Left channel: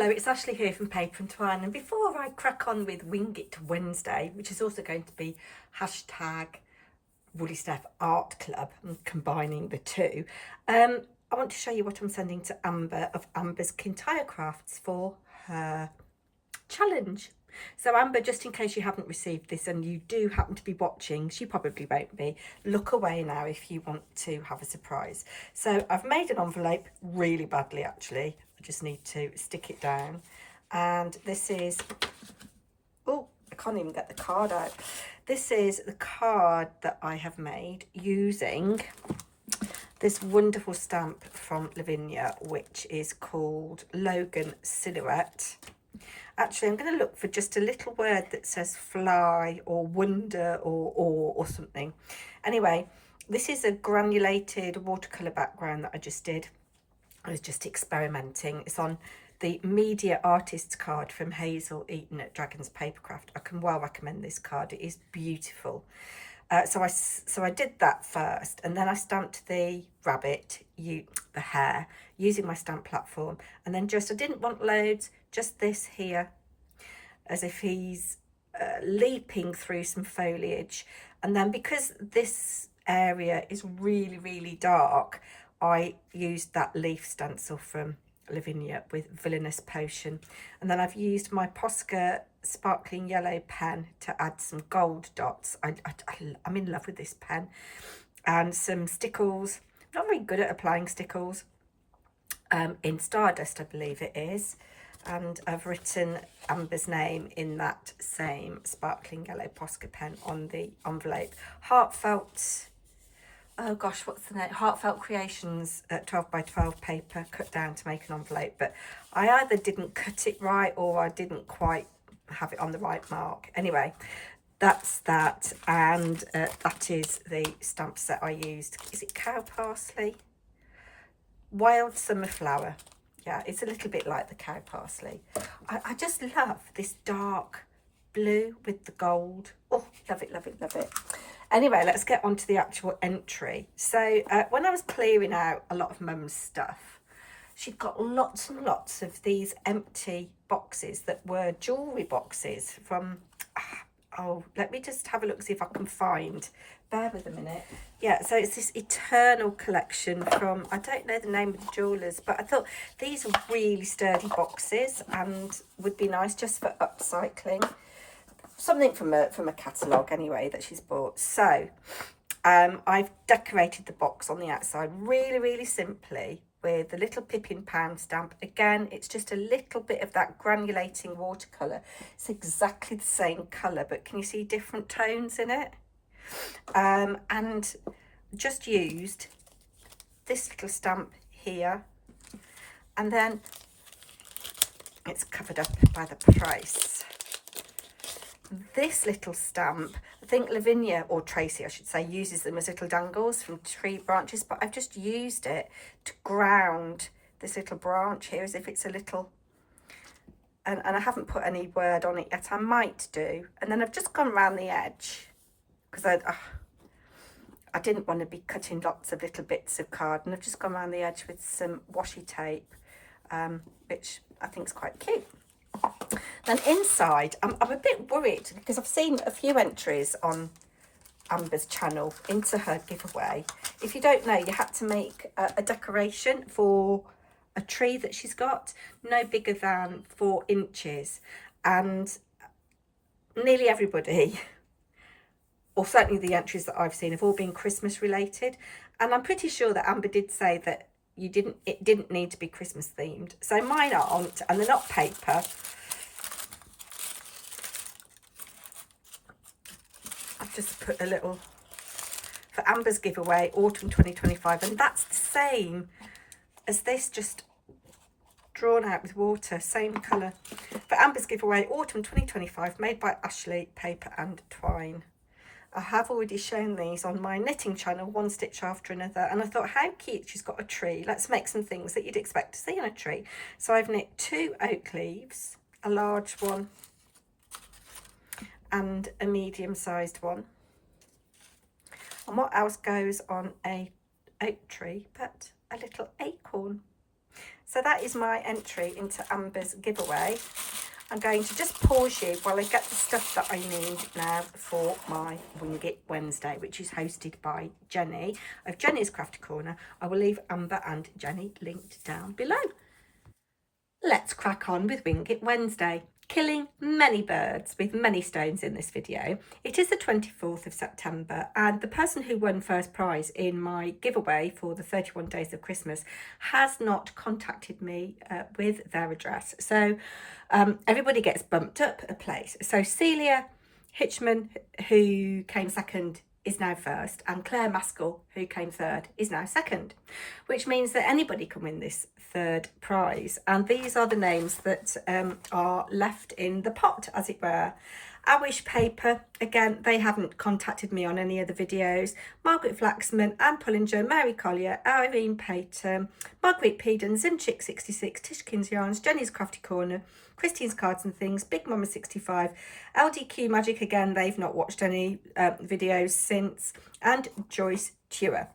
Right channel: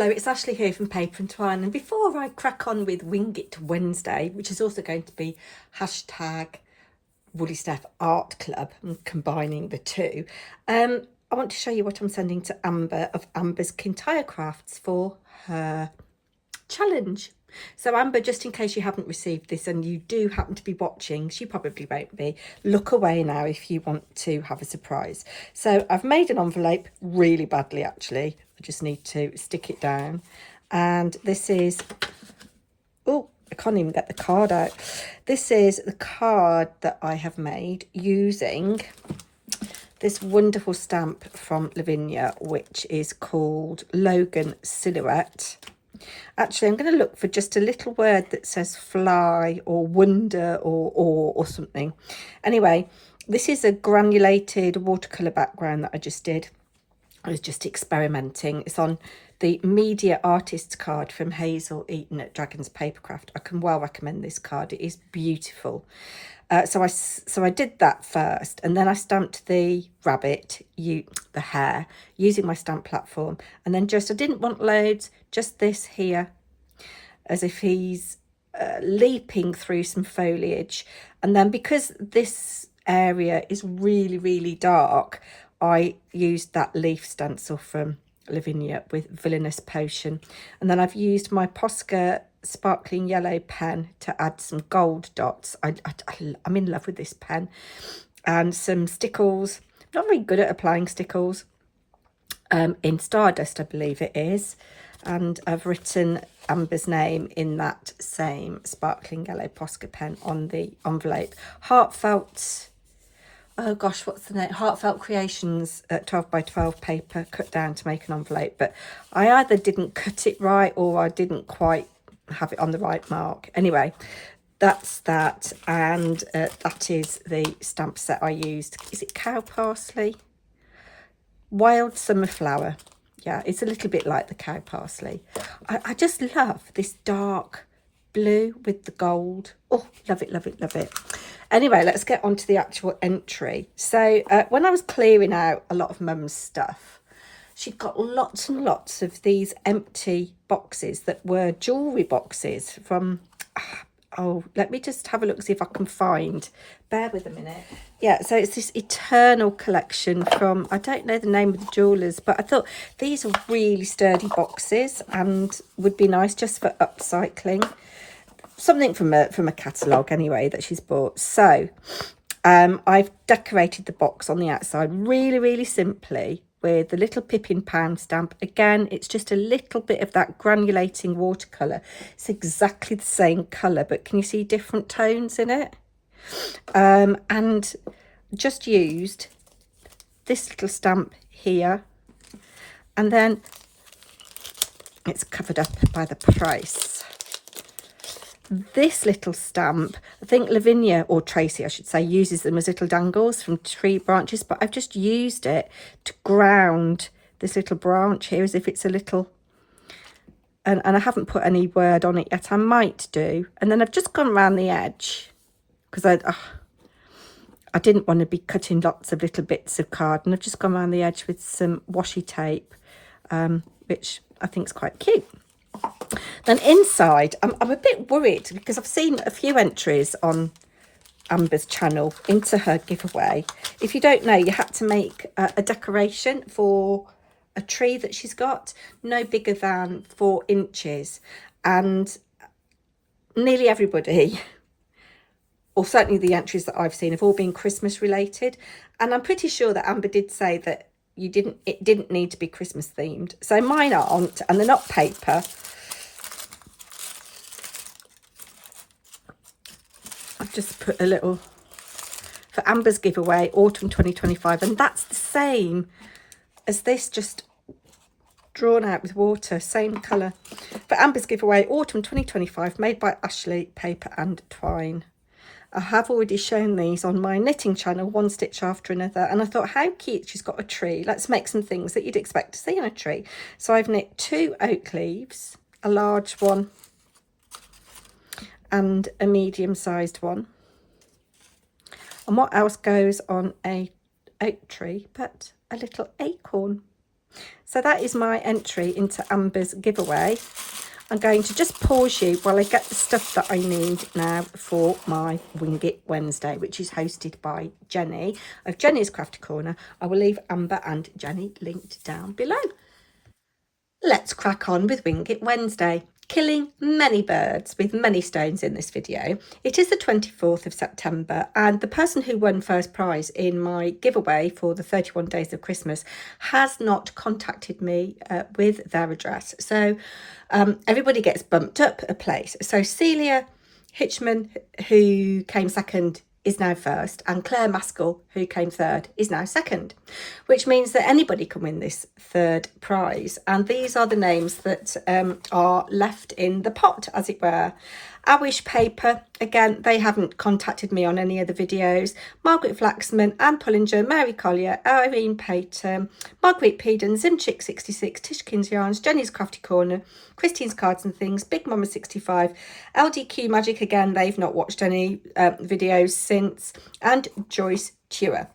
Hello, it's Ashley here from Paper&Twine, and before I crack on with Wing It Wednesday, which is also going to be hashtag Woolly Steph Art Club, I'm combining the two, I want to show you what I'm sending to Amber of Amber's Kintyre Crafts for her challenge. So Amber, just in case you haven't received this and you do happen to be watching, she probably won't be, look away now if you want to have a surprise. So I've made an envelope really badly actually. I just need to stick it down. And this is, oh, I can't even get the card out. This is the card that I have made using this wonderful stamp from Lavinia, which is called Logan Silhouette. Actually, I'm going to look for just a little word that says fly or wonder or something. Anyway, this is a granulated watercolour background that I just did. I was just experimenting. It's on the Media Artists card from Hazel Eaton at Dragon's Papercraft. I can well recommend this card. It is beautiful. So I did that first, and then I stamped the rabbit, the hare, using my stamp platform. And then I didn't want loads, just this here, as if he's leaping through some foliage. And then because this area is really, really dark, I used that leaf stencil from Lavinia with Villainous Potion. And then I've used my Posca sparkling yellow pen to add some gold dots. I'm in love with this pen. And some stickles. I'm not very good at applying stickles. In Stardust, I believe it is. And I've written Amber's name in that same sparkling yellow Posca pen on the envelope. Heartfelt, oh gosh, what's the name? Heartfelt Creations 12 by 12 paper cut down to make an envelope. But I either didn't cut it right or I didn't quite have it on the right mark. Anyway, that's that. And that is the stamp set I used. Is it cow parsley? Wild Summer Flower. Yeah, it's a little bit like the cow parsley. I just love this dark blue with the gold. Oh, love it, love it, love it. Anyway, let's get on to the actual entry. So when I was clearing out a lot of Mum's stuff, she'd got lots and lots of these empty boxes that were jewellery boxes from, oh, let me just have a look, see if I can find. Bear with a minute. Yeah, so it's this Eternal collection from, I don't know the name of the jewellers, but I thought these are really sturdy boxes and would be nice just for upcycling. Something from a catalogue anyway that she's bought. So I've decorated the box on the outside really, really simply with the little Pippin pound stamp. Again, it's just a little bit of that granulating watercolour. It's exactly the same colour, but can you see different tones in it? And just used this little stamp here, and then it's covered up by the price. This little stamp, I think Lavinia, or Tracy I should say, uses them as little dangles from tree branches, but I've just used it to ground this little branch here as if it's a little, and I haven't put any word on it yet. I might do. And then I've just gone around the edge because I didn't want to be cutting lots of little bits of card, and I've just gone around the edge with some washi tape, which I think is quite cute. Then inside, I'm a bit worried because I've seen a few entries on Amber's channel into her giveaway. If you don't know, you had to make a decoration for a tree that she's got, no bigger than 4 inches. And nearly everybody, or certainly the entries that I've seen, have all been Christmas related. And I'm pretty sure that Amber did say that it didn't need to be Christmas themed. So mine aren't, and they're not paper. I've just put a little for Amber's giveaway, autumn 2025, and that's the same as this, just drawn out with water, same colour. For Amber's giveaway, autumn 2025, made by Ashley, Paper and Twine. I have already shown these on my knitting channel, one stitch after another, and I thought, how cute, she's got a tree. Let's make some things that you'd expect to see in a tree. So I've knit 2 oak leaves, a large one and a medium-sized one. And what else goes on a oak tree but a little acorn? So that is my entry into Amber's giveaway. I'm going to just pause you while I get the stuff that I need now for my Wing It Wednesday, which is hosted by Jenny of Jenny's Crafty Corner. I will leave Amber and Jenny linked down below. Let's crack on with Wing It Wednesday. Killing many birds with many stones in this video. It is the 24th of September, and the person who won first prize in my giveaway for the 31 days of Christmas has not contacted me with their address. So everybody gets bumped up a place. So Celia Hitchman, who came second, is now first, and Claire Maskell, who came third, is now second, which means that anybody can win this third prize. And these are the names that are left in the pot, as it were. I Wish Paper, again, they haven't contacted me on any other videos. Margaret Flaxman, Anne Pullinger, Mary Collier, Irene Payton, Margaret Peden, Zimchick66, Tishkin's Yarns, Jenny's Crafty Corner, Christine's Cards and Things, Big Mama 65, LDQ Magic, again, they've not watched any videos since, and Joyce Tuer.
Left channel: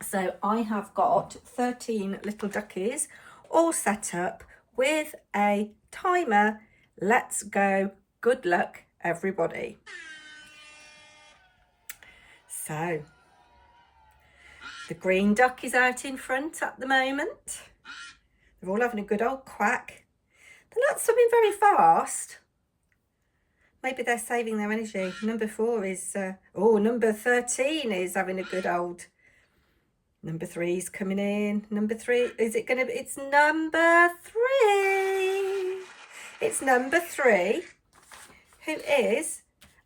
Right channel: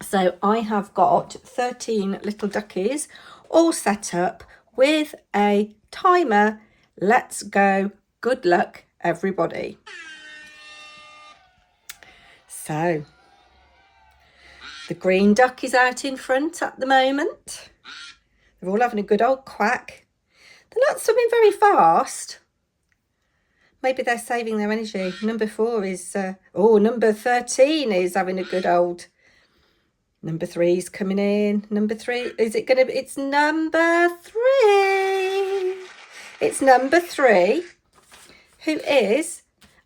So I have got 13 little duckies all set up with a timer. Let's go. Good luck, everybody. So the green duck is out in front at the moment. They're all having a good old quack. They're not swimming very fast. Maybe they're saving their energy. Number 4 is, number 13 is having a good old. Number 3 is coming in. Number 3, is it going to be? It's number 3. It's number 3, who is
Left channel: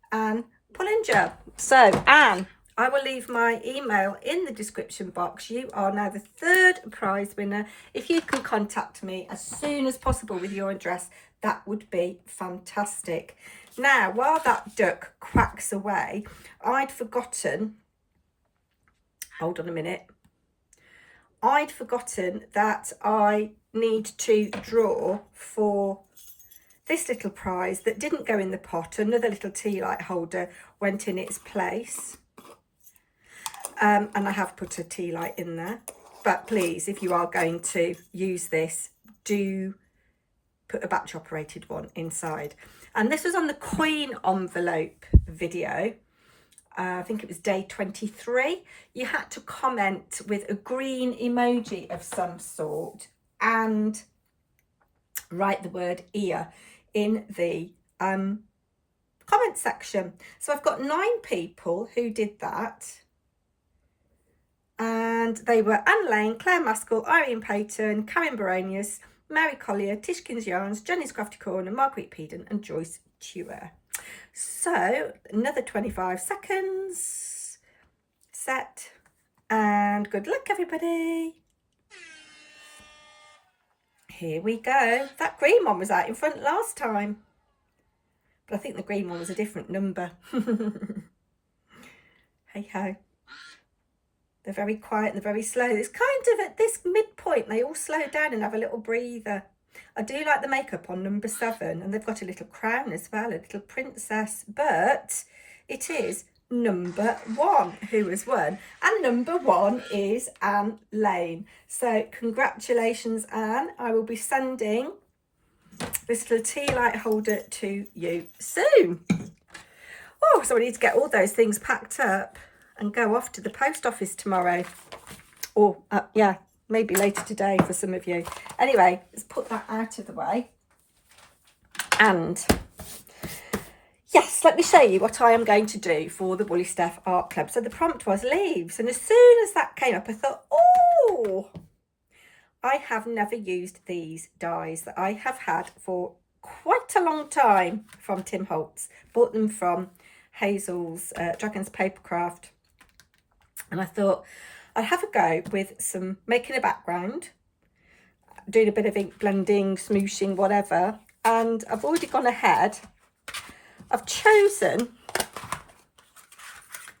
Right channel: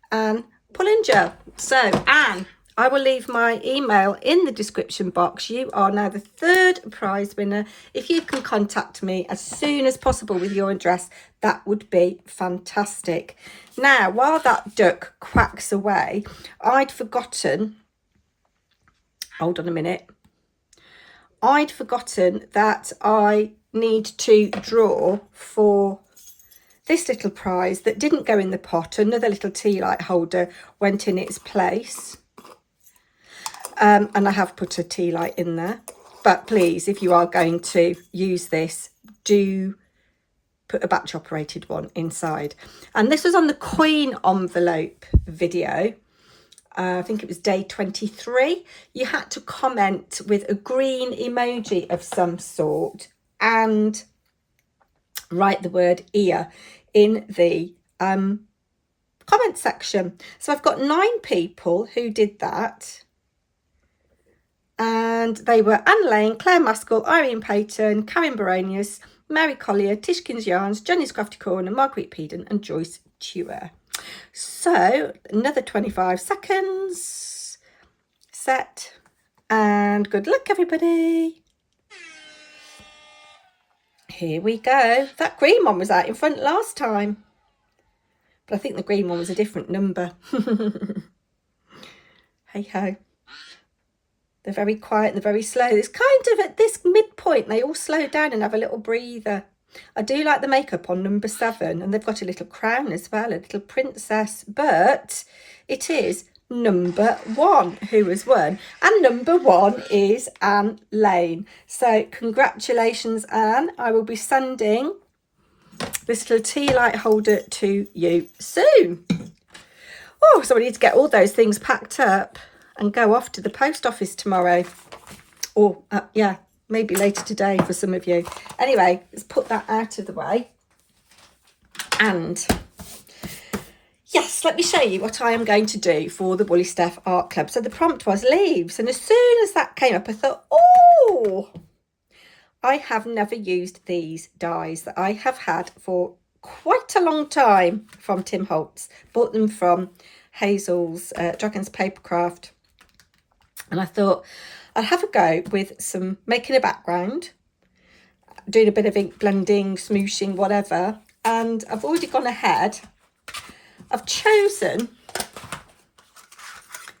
Anne Pullinger. So, Anne, I will leave my email in the description box. You are now the third prize winner. If you can contact me as soon as possible with your address, that would be fantastic. Now, while that duck quacks away, I'd forgotten, hold on a minute, I'd forgotten that I need to draw for this little prize that didn't go in the pot. Another little tea light holder went in its place. And I have put a tea light in there. But please, if you are going to use this, do put a batch operated one inside. And this was on the Queen envelope video. I think it was day 23. You had to comment with a green emoji of some sort and write the word ear in the comment section. So I've got 9 people who did that. And they were Anne Lane, Claire Maskell, Irene Payton, Karen Baronius, Mary Collier, Tishkin's Yarns, Jenny's Crafty Corner, Margaret Peden and Joyce Tuer. So another 25 seconds. Set. And good luck, everybody. Here we go. That green one was out in front last time. But I think the green one was a different number. Hey ho. They're very quiet and they're very slow. It's kind of at this midpoint, they all slow down and have a little breather. I do like the makeup on number 7, and they've got a little crown as well, a little princess, but it is number 1 who has won, and number 1 is Anne Lane. So congratulations, Anne. I will be sending this little tea light holder to you soon. Oh, so I need to get all those things packed up and go off to the post office tomorrow. Or, yeah, maybe later today for some of you. Anyway, let's put that out of the way. And, yes, let me show you what I am going to do for the Woolly Steph Art Club. So the prompt was leaves. And as soon as that came up, I thought, oh, I have never used these dies that I have had for quite a long time from Tim Holtz. Bought them from Hazel's Dragon's Papercraft. And I thought I'd have a go with some making a background, doing a bit of ink blending, smooshing, whatever. And I've already gone ahead. I've chosen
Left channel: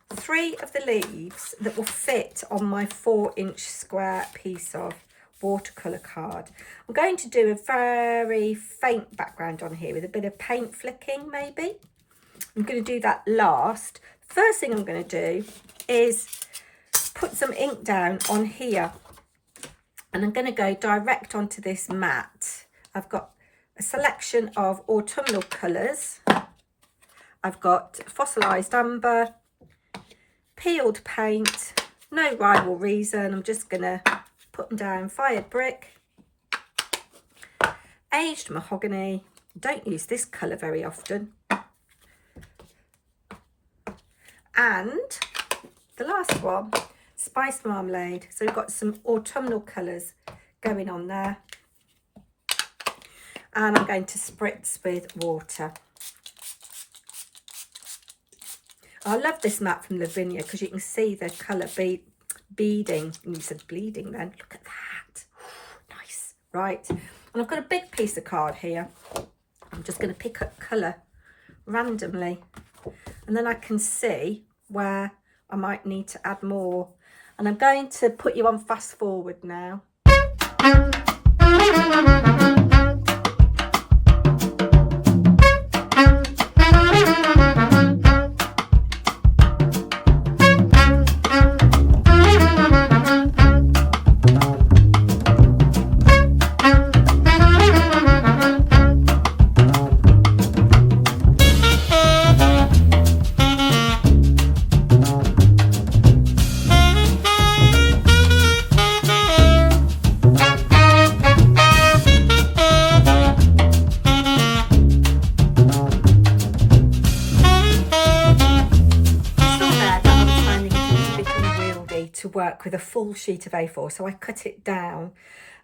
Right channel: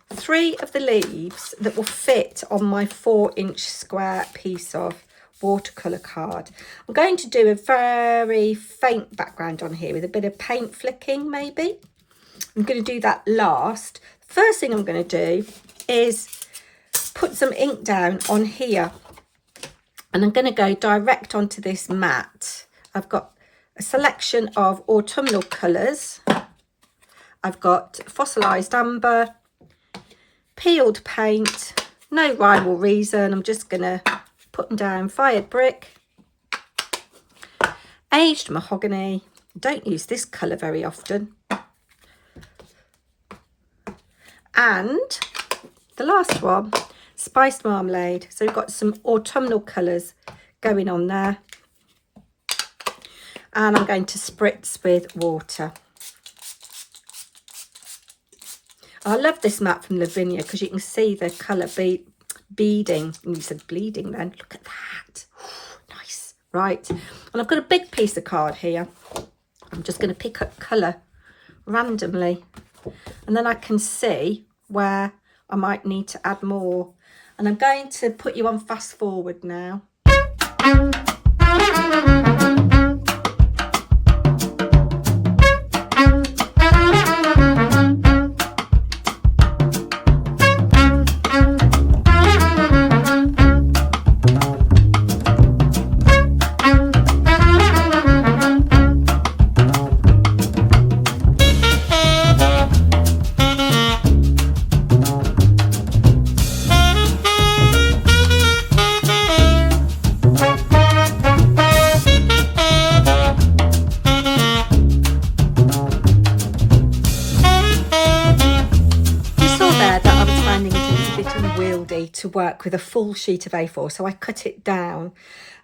3 of the leaves that will fit on my 4-inch square piece of watercolour card. I'm going to do a very faint background on here with a bit of paint flicking maybe. I'm going to do that last. First thing I'm going to do is put some ink down on here And I'm going to go direct onto this mat. I've got a selection of autumnal colours. I've got fossilised amber, peeled paint, no rhyme or reason. I'm just going to put them down. Fired brick, aged mahogany. Don't use this colour very often. And the last one, spiced marmalade. So we've got some autumnal colours going on there. And I'm going to spritz with water. I love this mat from Lavinia because you can see the colour beading. And you said bleeding then. Look at that. Nice. Right. And I've got a big piece of card here. I'm just going to pick up colour randomly. And then I can see where I might need to add more. And I'm going to put you on fast forward now. To work with a full sheet of A4, so I cut it down.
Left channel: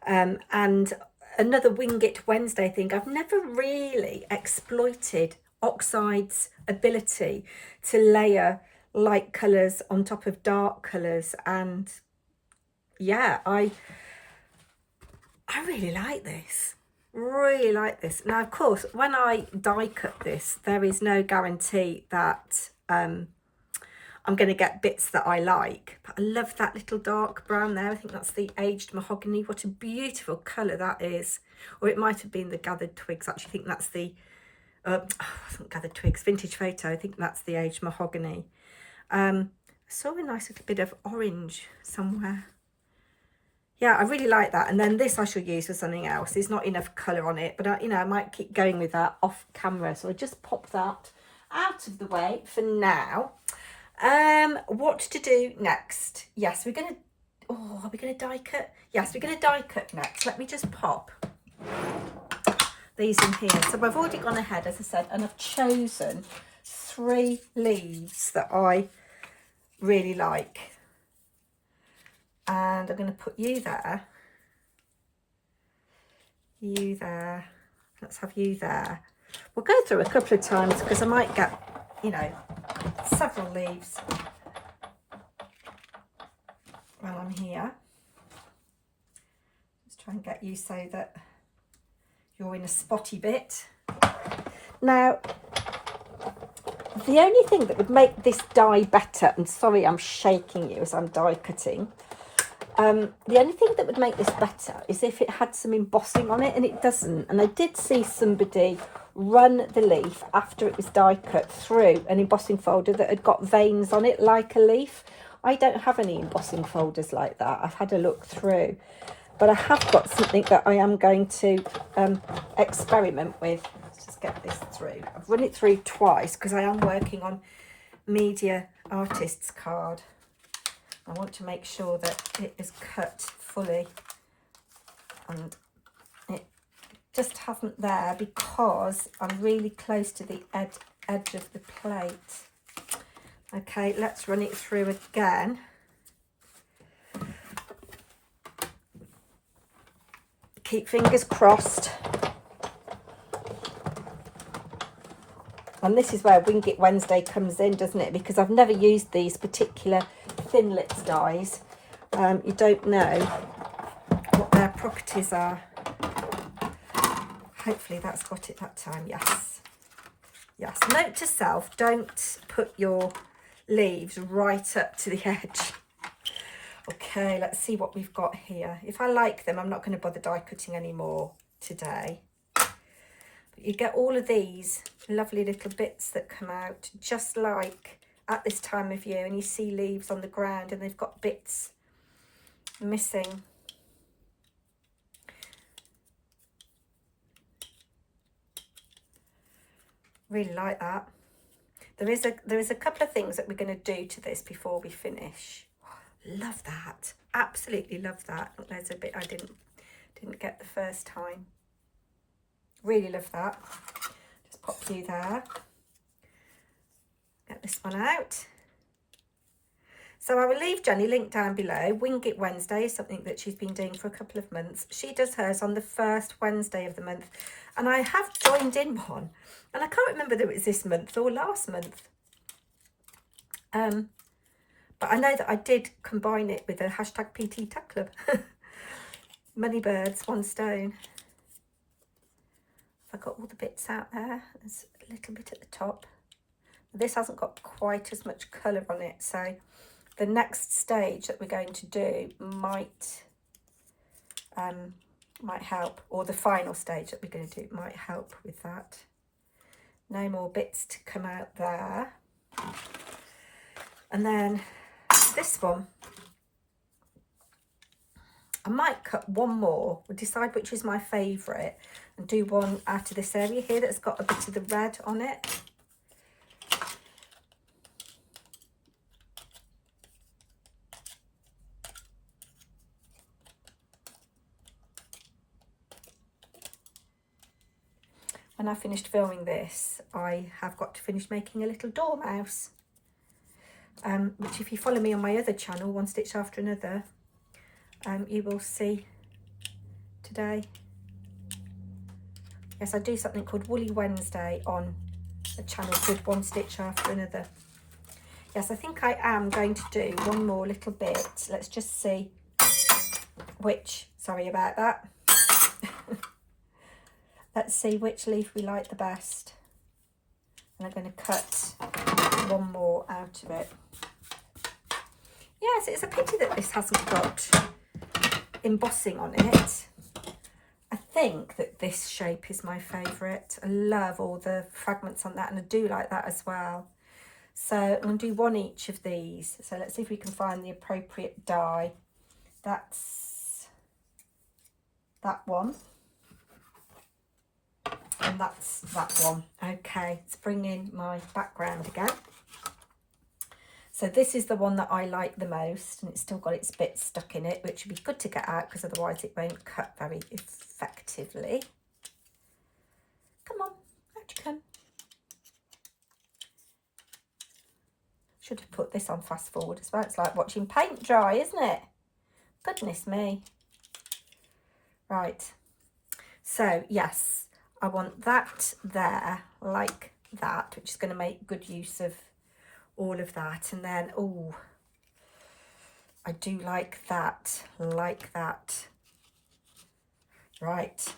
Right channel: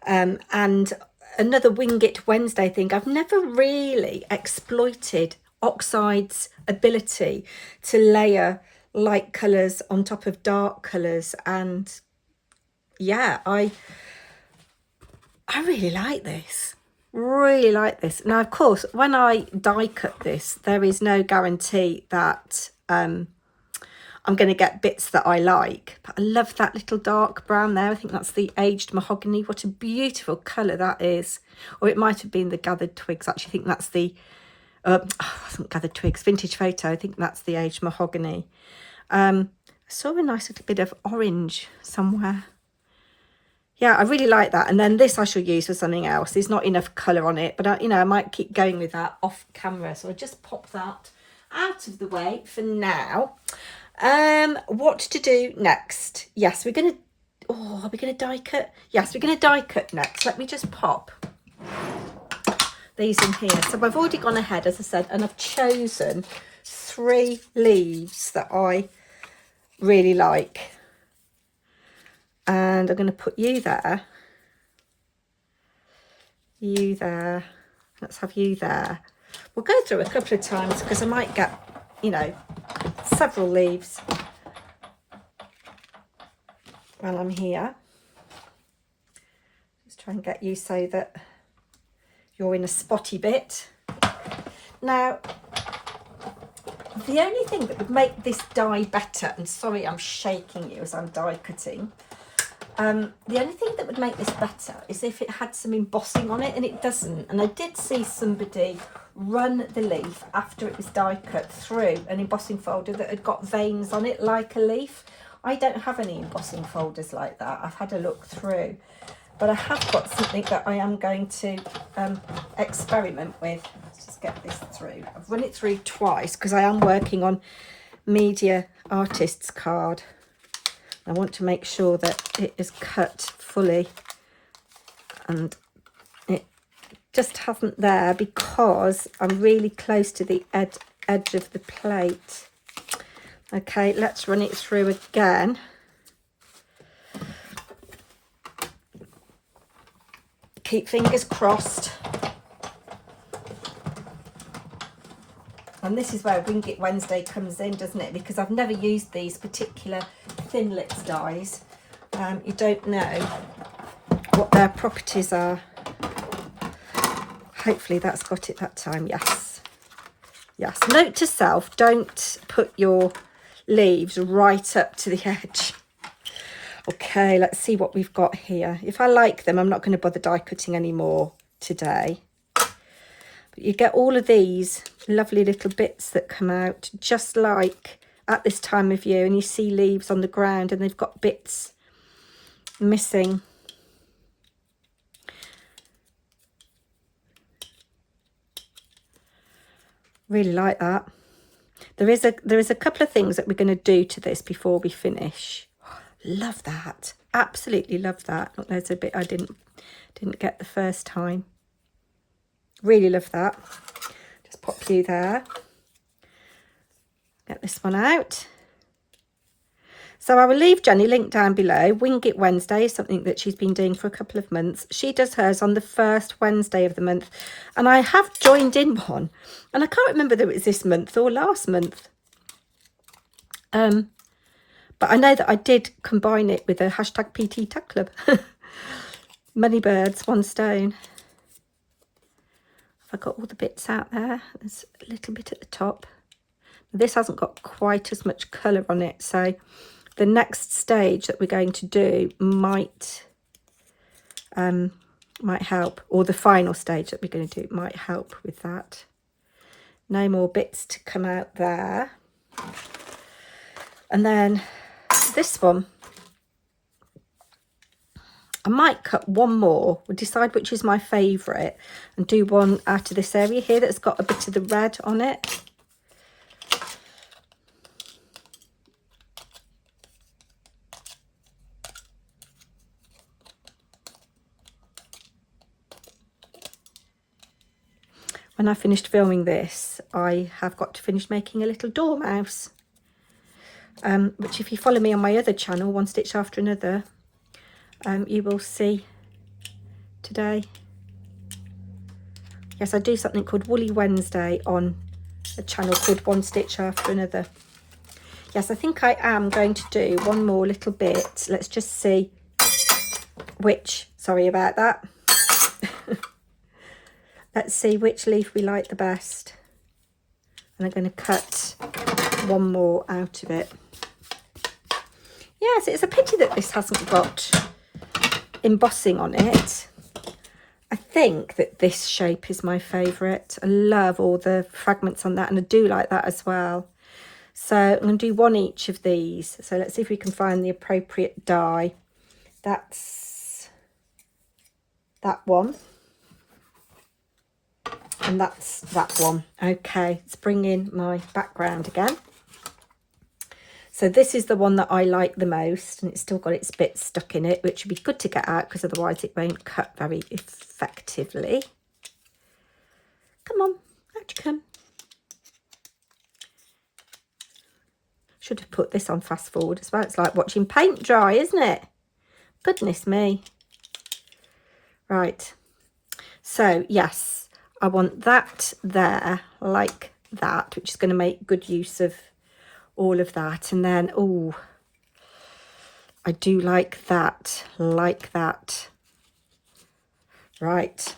And another Wing It Wednesday thing, I've never really exploited Oxide's ability to layer light colours on top of dark colours, and yeah, I really like this. Really like this. Now, of course, when I die cut this, there is no guarantee that I'm going to get bits that I like. But I love that little dark brown there. I think that's the Aged Mahogany. What a beautiful colour that is. Or it might have been the Gathered Twigs. Actually, I think that's the Gathered Twigs, Vintage Photo. I think that's the Aged Mahogany. I saw a nice little bit of orange somewhere. Yeah, I really like that. And then this I shall use for something else. There's not enough colour on it. But, I might keep going with that off camera. So I just pop that out of the way for now. What to do next? Yes, we're gonna are we gonna die cut? Yes, we're gonna die cut next. Let me just pop these in here. So I've already gone ahead, as I said, and I've chosen 3 leaves that I really like, and I'm going to put you there, you there, let's have you there. We'll go through a couple of times because I might get, several leaves while I'm here. Just try and get you so that you're in a spotty bit. Now, the only thing that would make this die better, and sorry I'm shaking you as I'm die cutting, the only thing that would make this better is if it had some embossing on it, and it doesn't. And I did see somebody run the leaf after it was die cut through an embossing folder that had got veins on it like a leaf. I don't have any embossing folders like that. I've had a look through, but I have got something that I am going to experiment with. Let's just get this through. I've run it through twice because I am working on media artist's card. I want to make sure that it is cut fully, and it just hasn't there because I'm really close to the edge of the plate. Okay, let's run it through again. Keep fingers crossed. And this is where Wing It Wednesday comes in, doesn't it? Because I've never used these particular thin lips dies. You don't know what their properties are. Hopefully that's got it that time. Yes. Yes. Note to self, don't put your leaves right up to the edge. Okay, let's see what we've got here. If I like them, I'm not going to bother die cutting anymore today. But you get all of these lovely little bits that come out just like at this time of year, and you see leaves on the ground and they've got bits missing. Really like that. There is a couple of things that we're going to do to this before we finish. Love that. Absolutely love that. Look, there's a bit I didn't get the first time. Really love that. Just pop you there. Get this one out. So I will leave Jenny link down below. Wing It Wednesday is something that she's been doing for a couple of months. She does hers on the first Wednesday of the month. And I have joined in one. And I can't remember whether it was this month or last month. But I know that I did combine it with a hashtag PT Tag Club. Money birds, one stone. Have I got all the bits out there? There's a little bit at the top. This hasn't got quite as much colour on it, so the next stage that we're going to do might help, or the final stage that we're going to do might help with that. No more bits to come out there. And then this one, I might cut one more. We'll decide which is my favourite and do one out of this area here that's got a bit of the red on it. When I finished filming this, I have got to finish making a little dormouse. Which if you follow me on my other channel, One Stitch After Another, you will see today. Yes, I do something called Woolly Wednesday on a channel called One Stitch After Another. Yes, I think I am going to do one more little bit. Let's just see which, sorry about that. Let's see which leaf we like the best. And I'm going to cut one more out of it. Yes, it's a pity that this hasn't got embossing on it. I think that this shape is my favourite. I love all the fragments on that, and I do like that as well. So I'm going to do one each of these. So let's see if we can find the appropriate die. That's that one. And that's that one. Okay, let's bring in my background again. So this is the one that I like the most, and it's still got its bits stuck in it, which would be good to get out because otherwise it won't cut very effectively. Come on, out you come. Should have put this on fast forward as well. It's like watching paint dry, isn't it? Goodness me. Right. So, yes, I want that there like that, which is going to make good use of all of that. And then, oh, I do like that. Right.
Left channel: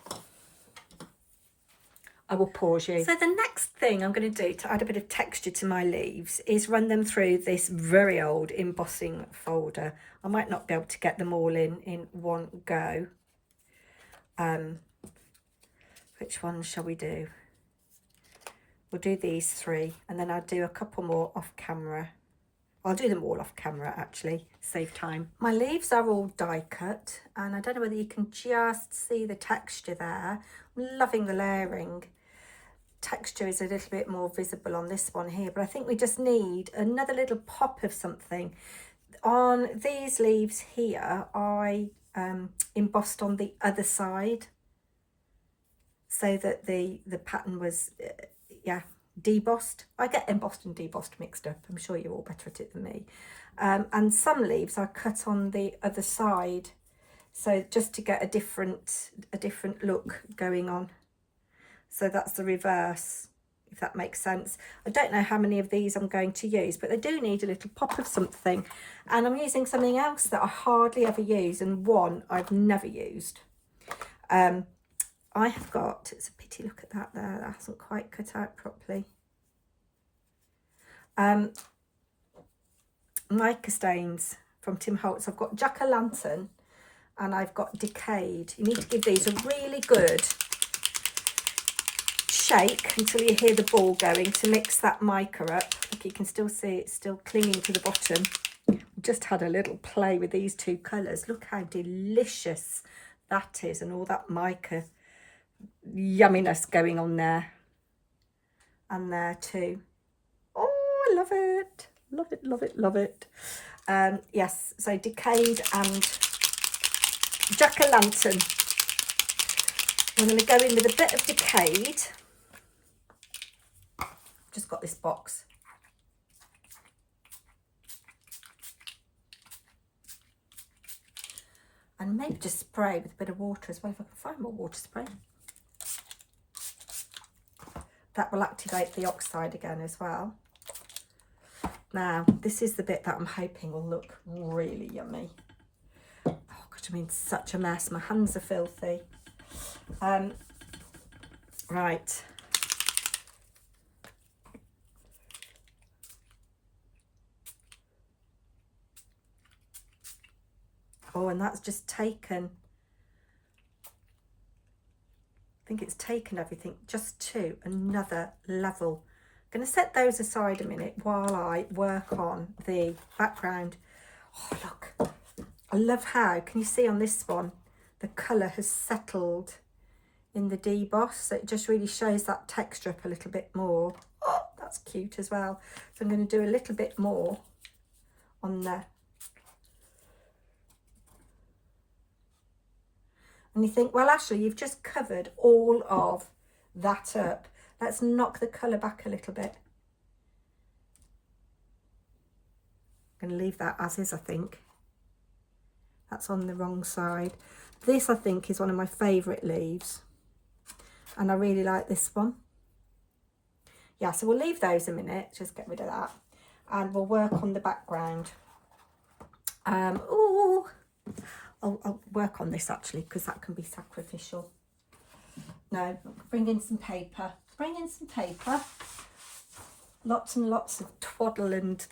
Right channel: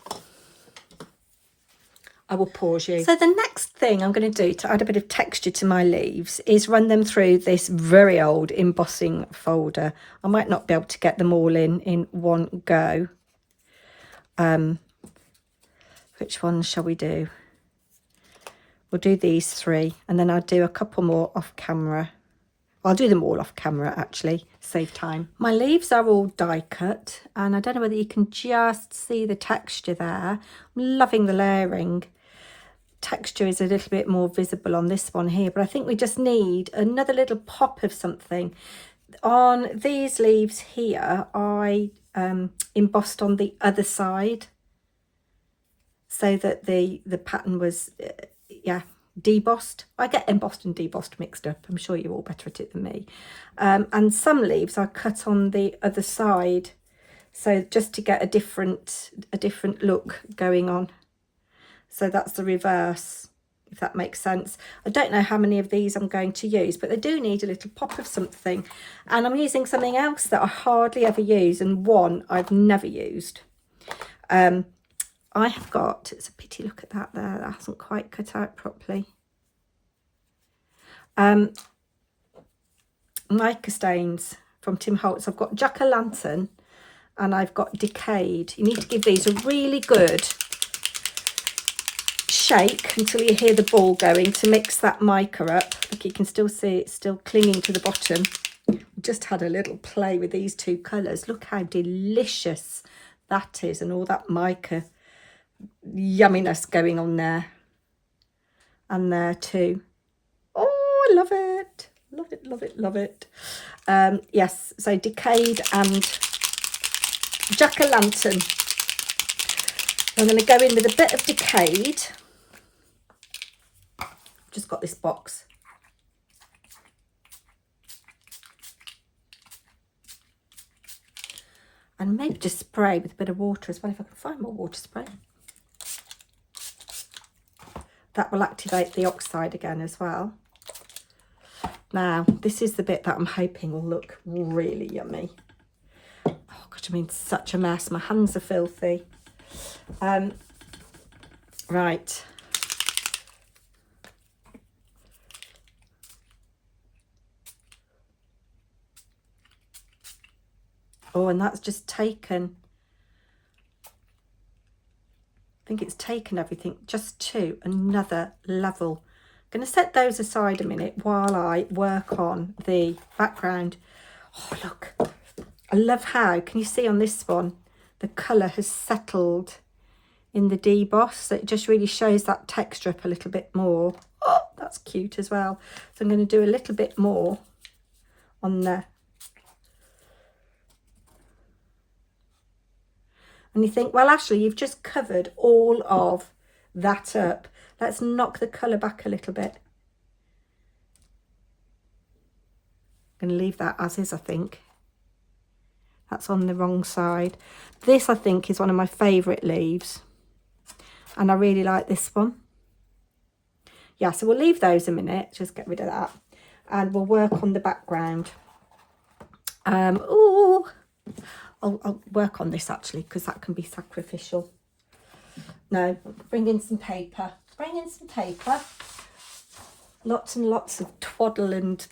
I will pause you. So the next thing I'm going to do to add a bit of texture to my leaves is run them through this very old embossing folder. I might not be able to get them all in one go. Which ones shall we do? We'll do these three, and then I'll do a couple more off camera. I'll do them all off camera, actually, save time. My leaves are all die cut, and I don't know whether you can just see the texture there. I'm loving the layering. Texture is a little bit more visible on this one here, but I think we just need another little pop of something. On these leaves here, I embossed on the other side so that the pattern was debossed. I get embossed and debossed mixed up. I'm sure you're all better at it than me. And some leaves I cut on the other side, so just to get a different look going on. So that's the reverse, if that makes sense. I don't know how many of these I'm going to use, but they do need a little pop of something. And I'm using something else that I hardly ever use, and one I've never used. I have got, it's a pity, look at that there, that hasn't quite cut out properly. Mica stains from Tim Holtz. I've got Jack-o'-lantern and I've got Decayed. You need to give these a really good shake until you hear the ball going to mix that mica up. Look, you can still see it's still clinging to the bottom. Just had a little play with these two colours. Look how delicious that is, and all that mica yumminess going on there. and there too. Oh, I love it. Love it, love it, love it. Yes, so Decayed and Jack-o'-lantern. I'm going to go in with a bit of Decayed. Just got this box. And maybe just spray with a bit of water as well, if I can find more water spray. That will activate the oxide again as well. Now, this is the bit that I'm hoping will look really yummy. Oh, gosh, I mean, such a mess. My hands are filthy. Right. Oh, and that's just taken, I think it's taken everything just to another level. I'm going to set those aside a minute while I work on the background. Oh, look. I love how, can you see on this one, the colour has settled in the deboss. So it just really shows that texture up a little bit more. Oh, that's cute as well. So I'm going to do a little bit more on there. And you think, well, Ashley, you've just covered all of that up. Let's knock the colour back a little bit. I'm going to leave that as is, I think. That's on the wrong side. This, I think, is one of my favourite leaves. And I really like this one. Yeah, so we'll leave those a minute. Just get rid of that. And we'll work on the background. Ooh. I'll work on this actually, because that can be sacrificial. No, bring in some paper. Bring in some paper. Lots and lots of twaddle and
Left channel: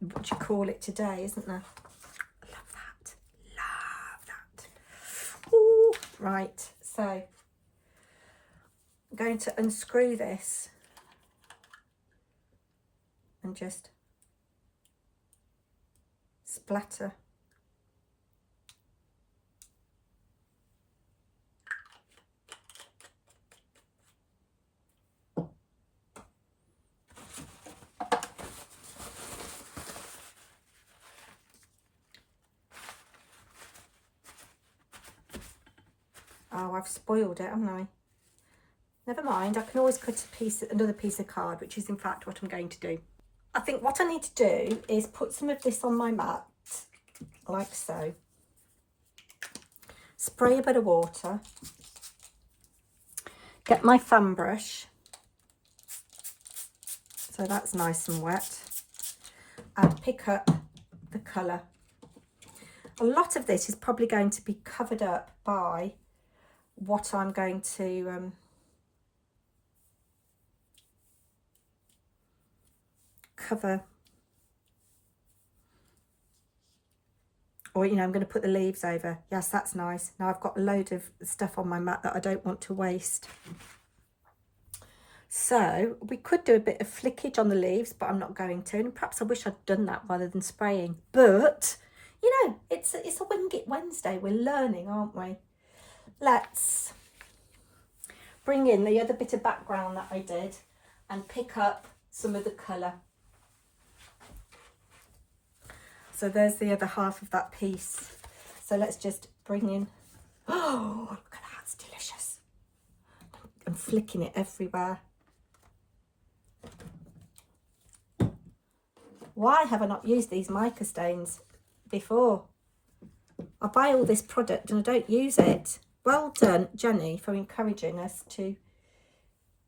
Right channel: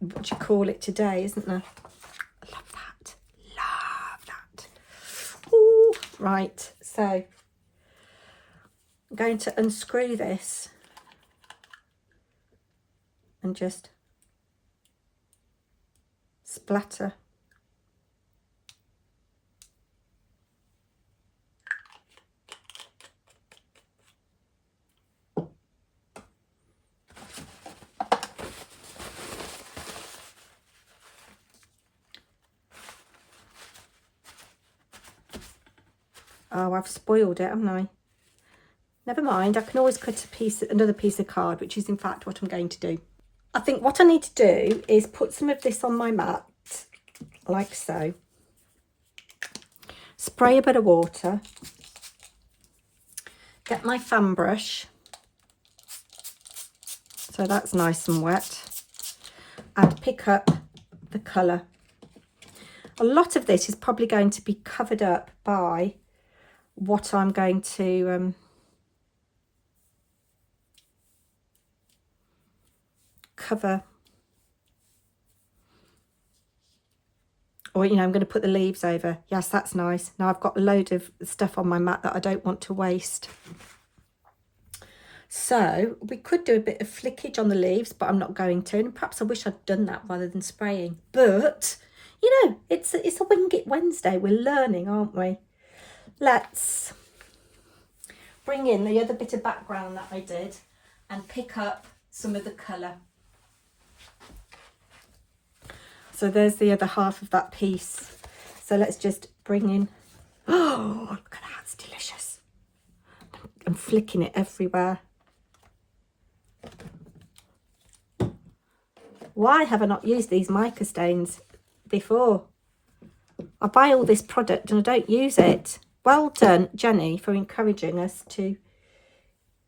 what you call it today, isn't there? Love that. Love that. Ooh, right, so I'm going to unscrew this and just splatter. Oh, I've spoiled it, haven't I? Never mind, I can always cut another piece of card, which is in fact what I'm going to do. I think what I need to do is put some of this on my mat, like so. Spray a bit of water. Get my fan brush. So that's nice and wet. And pick up the colour. A lot of this is probably going to be covered up by what I'm going to cover, or, you know, I'm going to put the leaves over. Yes, that's nice. Now I've got a load of stuff on my mat that I don't want to waste. So we could do a bit of flickage on the leaves, but I'm not going to. And perhaps I wish I'd done that rather than spraying. But, you know, it's a Wing It Wednesday. We're learning, aren't we? Let's bring in the other bit of background that I did and pick up some of the colour. So there's the other half of that piece. So let's just bring in, oh, look at that, it's delicious. I'm flicking it everywhere. Why have I not used these mica stains before? I buy all this product and I don't use it. Well done, Jenny, for encouraging us to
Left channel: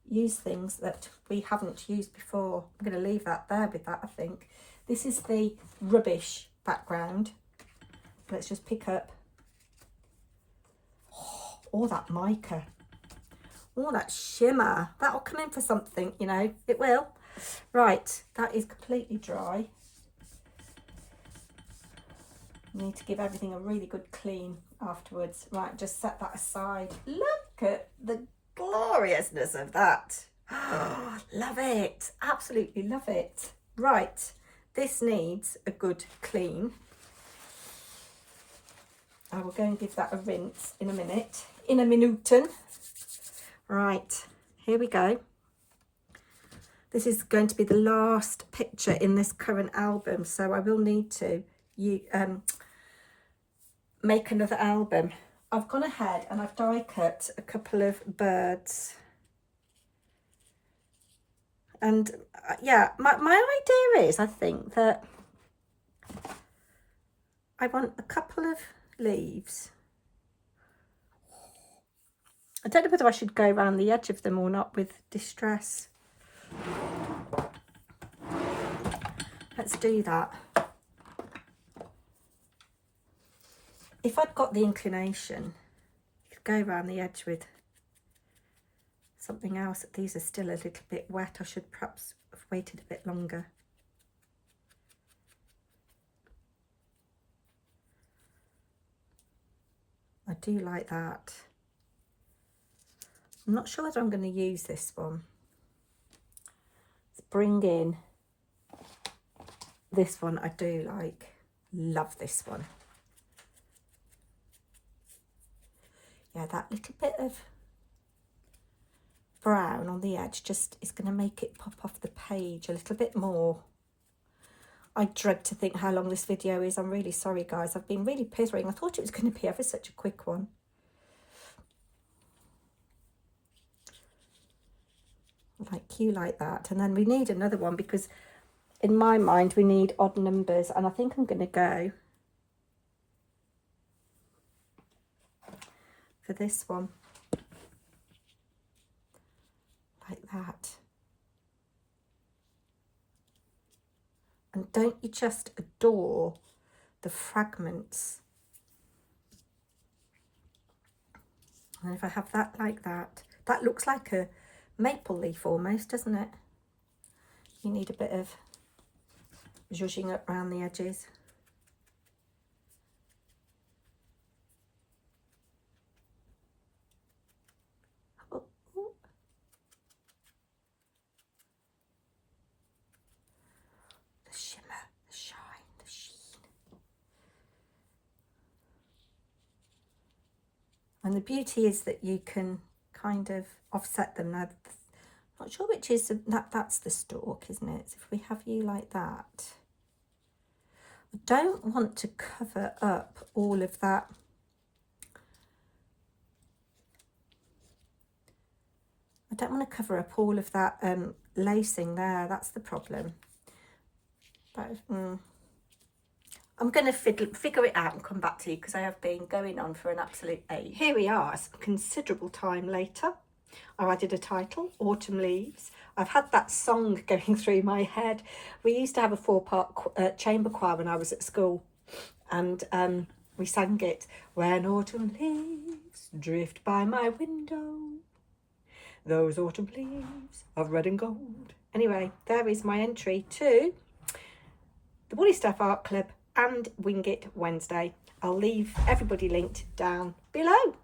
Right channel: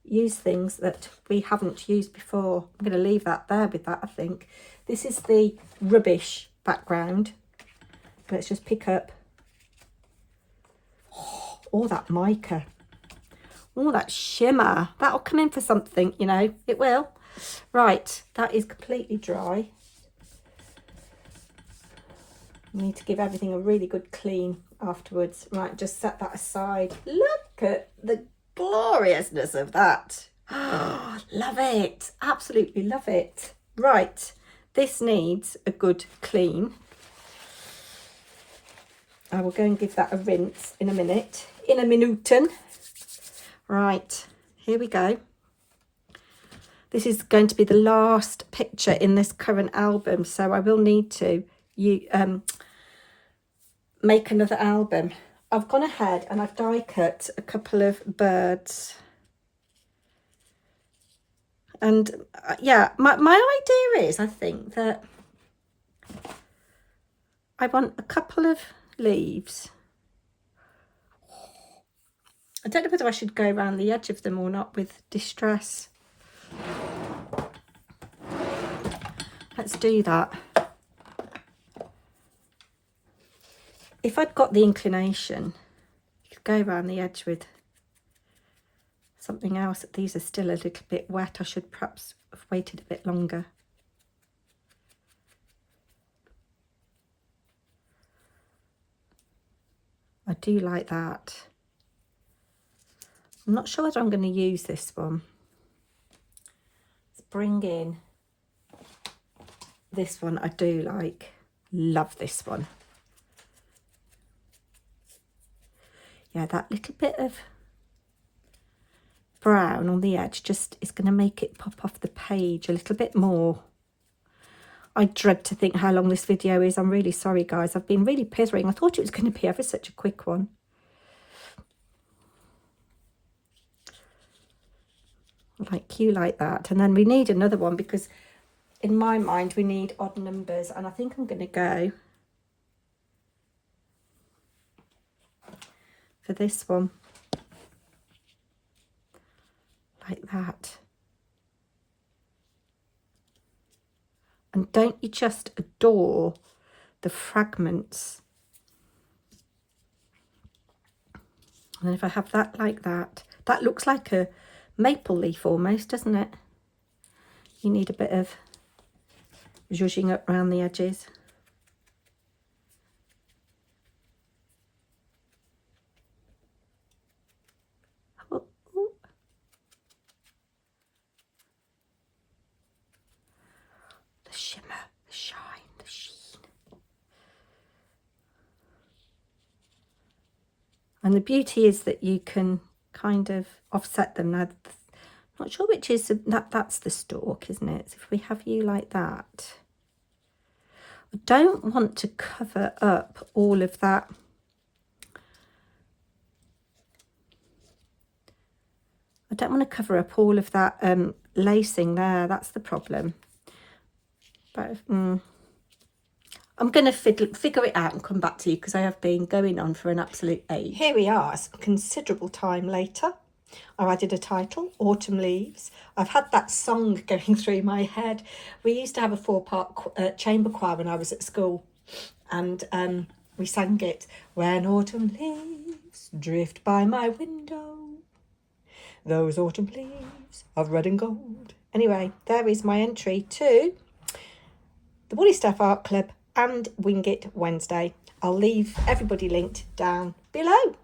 use things that we haven't used before. I'm going to leave that there with that, I think. This is the rubbish background. Let's just pick up all that mica. Oh, that shimmer. That'll come in for something, you know. It will. Right, that is completely dry. Need to give everything a really good clean afterwards. Right, just set that aside. Look at the gloriousness of that. Oh, love it. Absolutely love it. Right, this needs a good clean. I will go and give that a rinse in a minute. In a minuten. Right, here we go. this is going to be the last picture in this current album, so I will need to make another album. I've gone ahead and I've die cut a couple of birds. And yeah, my idea is, I think that I want a couple of leaves. I don't know whether I should go around the edge of them or not with Distress. Let's do that. If I'd got the inclination, you could go around the edge with something else. These are still a little bit wet. I should perhaps have waited a bit longer. I do like that. I'm not sure whether I'm going to use this one. Let's bring in this one. I do like, love this one. Yeah, that little bit of brown on the edge just is going to make it pop off the page a little bit more. I dread to think how long this video is. I'm really sorry, guys. I've been really pithering. I thought it was going to be ever such a quick one. Like you like that. And then we need another one because in my mind we need odd numbers, and I think I'm going to go for this one. Like that. And don't you just adore the fragments? And if I have that like that, that looks like a maple leaf almost, doesn't it? You need a bit of zhuzhing up around the edges. Oh, oh. The shimmer, the shine, the sheen. And the beauty is that you can kind of offset them. Now, I'm not sure which is that's the stalk, isn't it? So if we have you like that, I don't want to cover up all of that. I don't want to cover up all of that lacing there. That's the problem. But I'm going to figure it out and come back to you because I have been going on for an absolute age. Here we are, it's a considerable time later. I added a title, Autumn Leaves. I've had that song going through my head. We used to have a 4-part chamber choir when I was at school, and we sang it. When autumn leaves drift by my window, those autumn leaves of red and gold. Anyway, there is my entry to the Woolly Stuff Art Club and Wing It Wednesday. I'll leave everybody linked down below.